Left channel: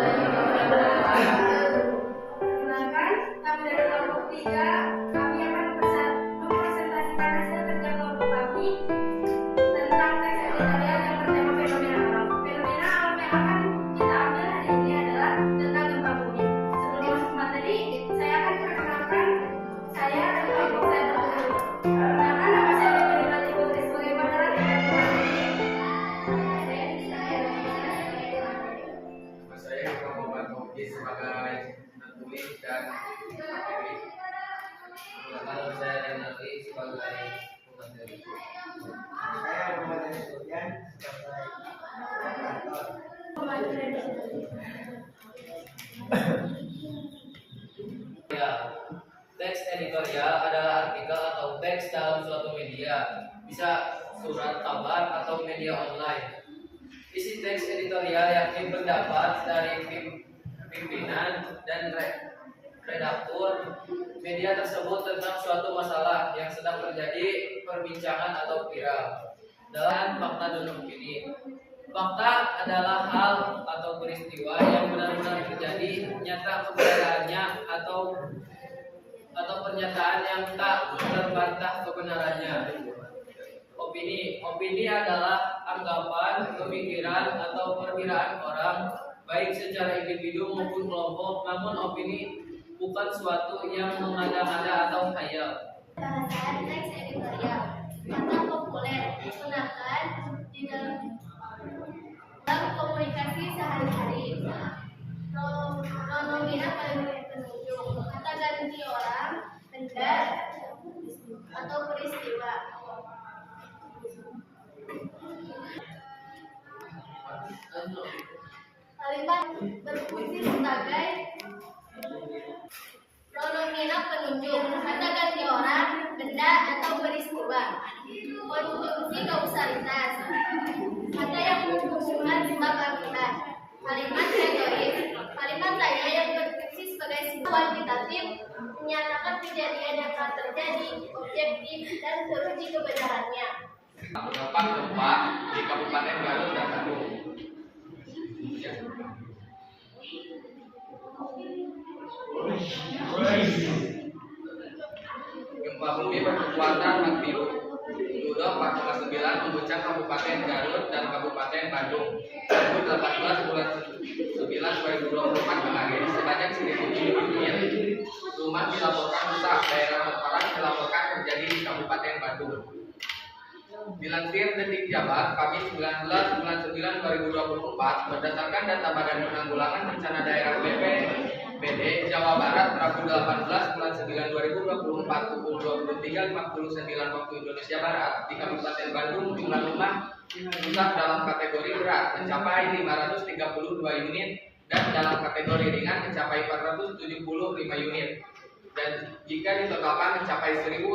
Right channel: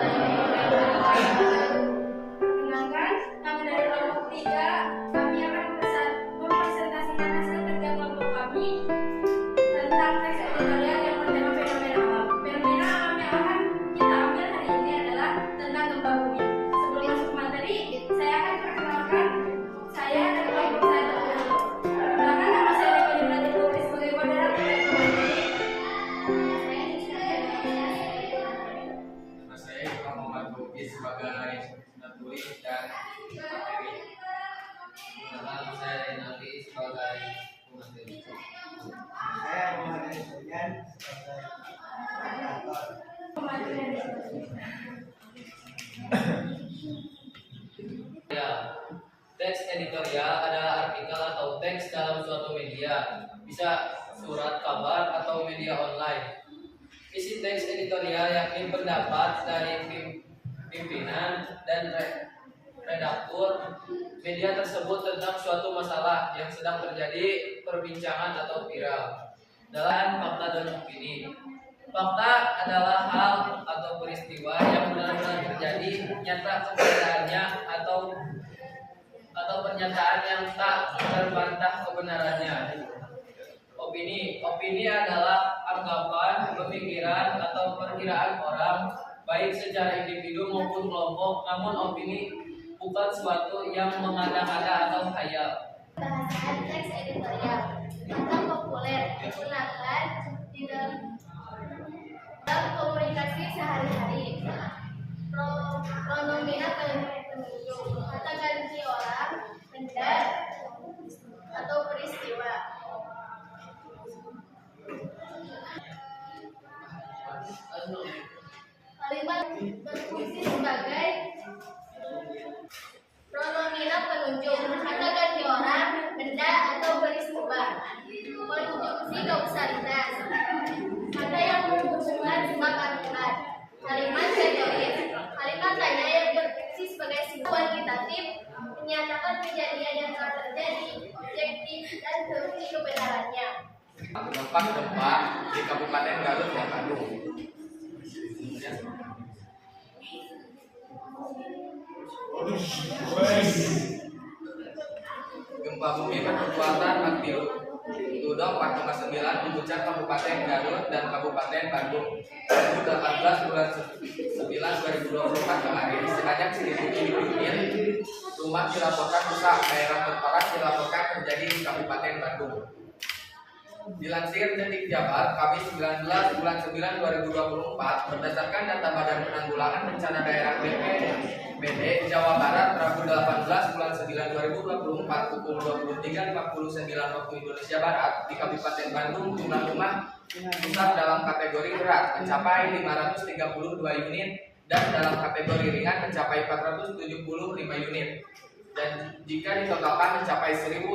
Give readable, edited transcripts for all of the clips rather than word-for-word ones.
Perkenalkan, kami dari kelompok 3, kami akan mempresentasikan hasil kerja kelompok kami tentang teks editorial yang bertema fenomena alam. Fenomena alam yang akan kita ambil hari ini adalah tentang gempa bumi. Sebelum masuk materi, saya akan perkenalkan saya dan kelompok saya terlebih dahulu. Perkenalkan, nama saya Miko Melati Putri sebagai moderator kelompok ini. Saya Muhammad Boki sebagai penulis dan materi. Nama saya Renati sebagai pemateri. Saya Muhammad Sofian sebagai moderator. Ya, teks editorial adalah artikel atau teks dalam suatu media, bisa surat kabar atau media online. Isi teks editorial yakni pendapat dari pimpinan dan redaktur media tersebut tentang suatu masalah yang sedang terjadi perbincangan atau viral. Dalam fakta dan opini, fakta adalah hal atau peristiwa yang benar-benar terjadi, nyata kebenarannya atau pernyataan yang tak terbantah kebenarannya. Opini adalah anggapan, pemikiran atau perkiraan orang, baik secara individu maupun kelompok. Namun opini bukan suatu yang mengada-ngada atau khayal. Bahasan teks editorial kata populer digunakan di dalam komunikasi sehari-hari. Pronomina penunjuk kata ganti orang, benda, atau peristiwa. Kalimat berfungsi sebagai pronomina penunjuk kata ganti orang, benda, atau peristiwa. Konjungsi kausalitas kata yang menghubungkan sebab akibat. Kalimat teoris kalimat tanya yang berfungsi sebagai sifat kuantitatif, menyatakan kejadian yang telah terjadi, objektif, dan teruji kebenarannya. Dampak gempa di Kabupaten Garut dan Bandung. Gempa bumi berkekuatan magnitudo 4,9 mengguncang Kabupaten Garut dan Kabupaten Bandung. Pada 18 bulan 9 2024 kemarin, sebanyak 1.007 unit rumah dilaporkan rusak. Daerah terparah dilaporkan terjadi di Kabupaten Bandung. Dilansir Detik Jabar, Kamis 19 bulan 9 2024, berdasarkan data Badan Penanggulangan Bencana Daerah BPBD Jawa Barat, Rabu 18 bulan 9 2024 pukul 23.59 waktu Indonesia Barat, di Kabupaten Bandung jumlah rumah rusak dalam kategori berat mencapai 532 unit dan dalam kategori ringan mencapai 475 unit, dan jika ditotalkan mencapai 1.007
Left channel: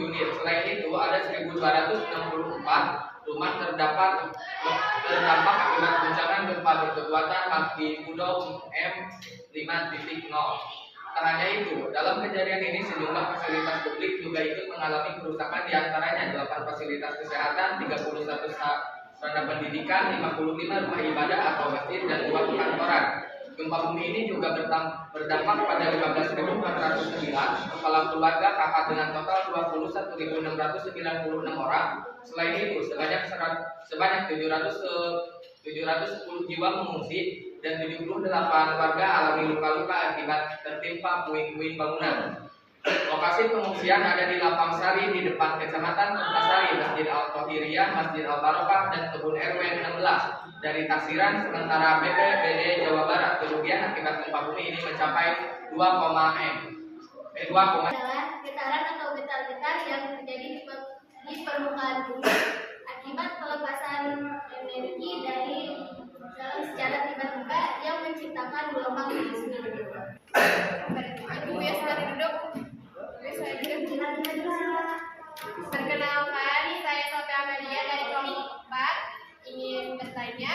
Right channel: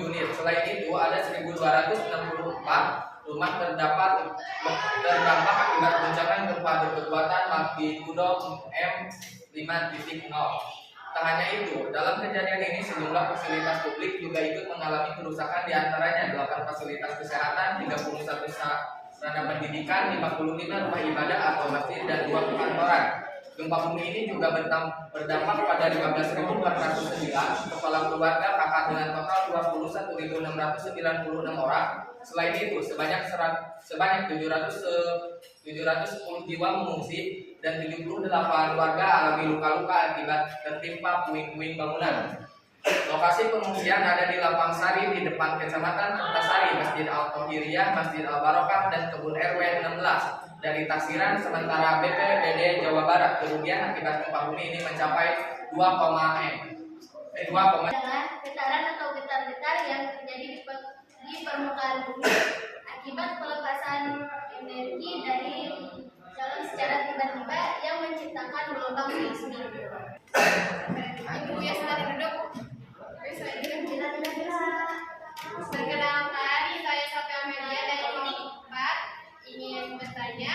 unit. Selain itu, ada 1.264 rumah terdampak akibat guncangan gempa berkekuatan magnitudo 5.0. Tak hanya itu, dalam kejadian ini sejumlah fasilitas publik juga ikut mengalami kerusakan, diantaranya 8 fasilitas kesehatan, 31 sarana pendidikan, 55 rumah ibadah atau masjid, dan 2 perkantoran. Gempa bumi ini juga berdampak pada 15.409 kepala keluarga kakak dengan total 21.696 orang. Selain itu, sebanyak 710 jiwa mengungsi dan 78 warga alami luka-luka akibat tertimpa puing-puing bangunan. Lokasi pengungsian ada di Lapang Sari di depan Kecamatan Antasari, Masjid Al-Tohiriyah, Masjid Al-Barokah, dan Kebun RW 16. Dari taksiran sementara BPBD Jawa Barat, kerugian akibat gempa bumi ini mencapai 2, adalah getaran atau getar-getar yang terjadi di permukaan bumi akibat pelepasan energi dari dalam secara tiba-tiba yang menciptakan gelombang seismik. Ibu ya silahkan duduk. Perkenalkan, saya Sophia Amelia dari kelompok 4 ingin bertanya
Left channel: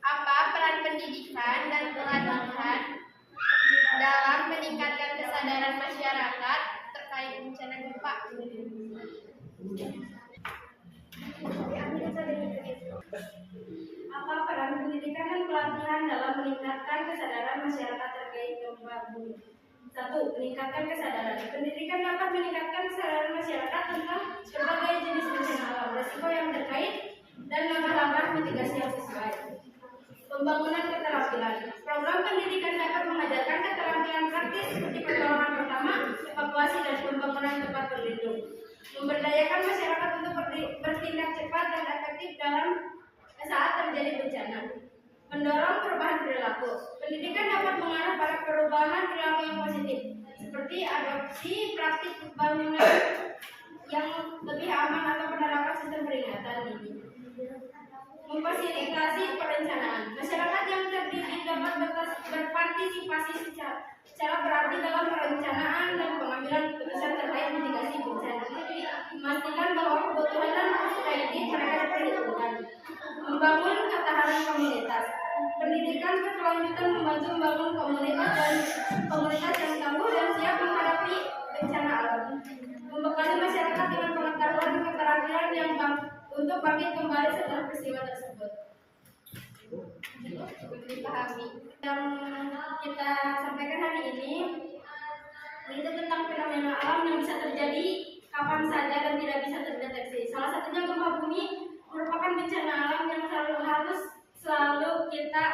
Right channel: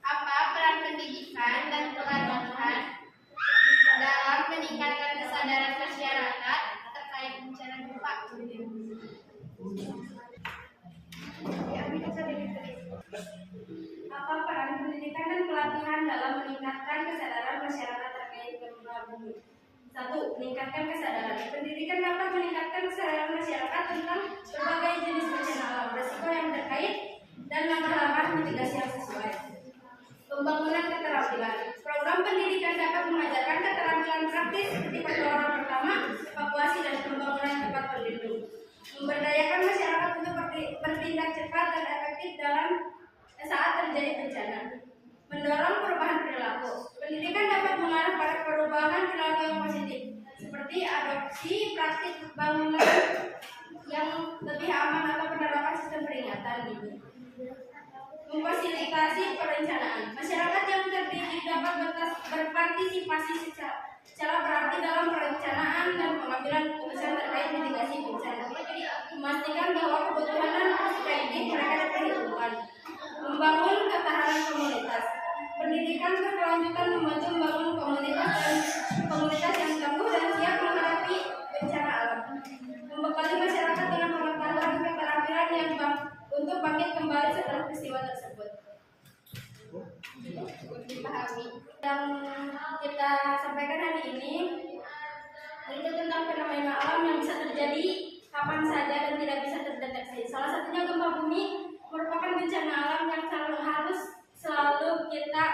apa peran pendidikan dan pelatihan dalam meningkatkan kesadaran masyarakat terkait bencana gempa. Apa peran pendidikan masyarakat terkait gempa bumi. 1. Meningkatkan kesadaran. Pendidikan dapat meningkatkan kesadaran masyarakat tentang berbagai jenis bencana alam, risiko yang terkait, dan langkah-langkah mitigasi yang sesuai. Pembangunan keterampilan. Program pendidikan dapat mengajarkan keterampilan praktis seperti pertolongan pertama, evakuasi, dan pembangunan tempat berlindung. Memberdayakan masyarakat untuk bertindak cepat dan efektif dalam saat terjadi bencana. Mendorong perubahan perilaku. Pendidikan dapat mengarah pada perubahan perilaku yang positif, seperti adopsi praktik bangunan yang lebih aman atau penerapan sistem peringatan dini. Memfasilitasi perencanaan. Masyarakat yang terdidik dapat berpartisipasi secara berarti dalam perencanaan dan pengambilan keputusan terkait mitigasi bencana. Memastikan bahwa kebutuhan dan perspektif mereka diperhitungkan. Membangun ketahanan komunitas. Pendidikan berkelanjutan membantu membangun komunitas yang tangguh dan siap menghadapi bencana alam. Membekali masyarakat dengan pengetahuan dan keterampilan yang untuk bangkit kembali setelah peristiwa tersebut. Dipahami. Yang kita sampaikan hari ini itu tentang fenomena alam yang bisa terjadi kapan saja dan tidak bisa terdeteksi. Salah satunya gempa bumi merupakan bencana alam yang selalu kita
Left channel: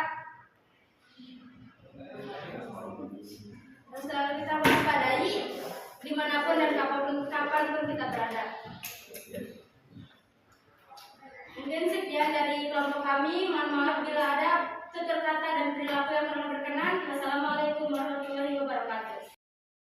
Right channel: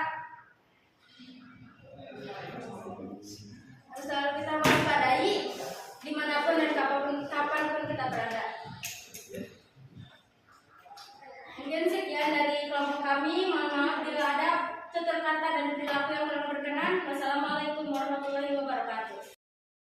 waspadai dimanapun dan kapanpun kita berada. Mungkin sekian dari kelompok kami. Mohon maaf bila ada tutur kata dan perilaku yang kurang berkenan. Wassalamualaikum warahmatullahi wabarakatuh.